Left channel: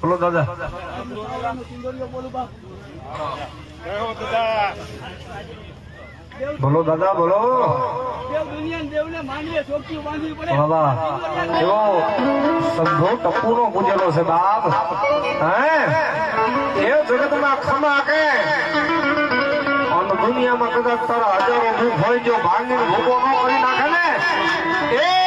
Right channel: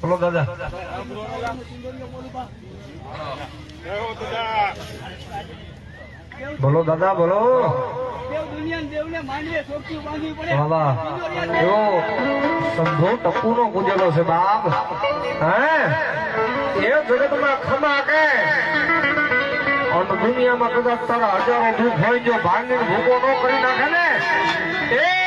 બોલો દાદા. બોલો દાદા બોલો. દાદા એવો સંધો ટપુ નો ગુજેલો છે બાપ. હે એ જગતમાં ખમા કે દુનિયામાં કદાચ તારા હજારો ભૂખ હોય જો ભાંગીને ભૂકો ન કરી નાખે ને એ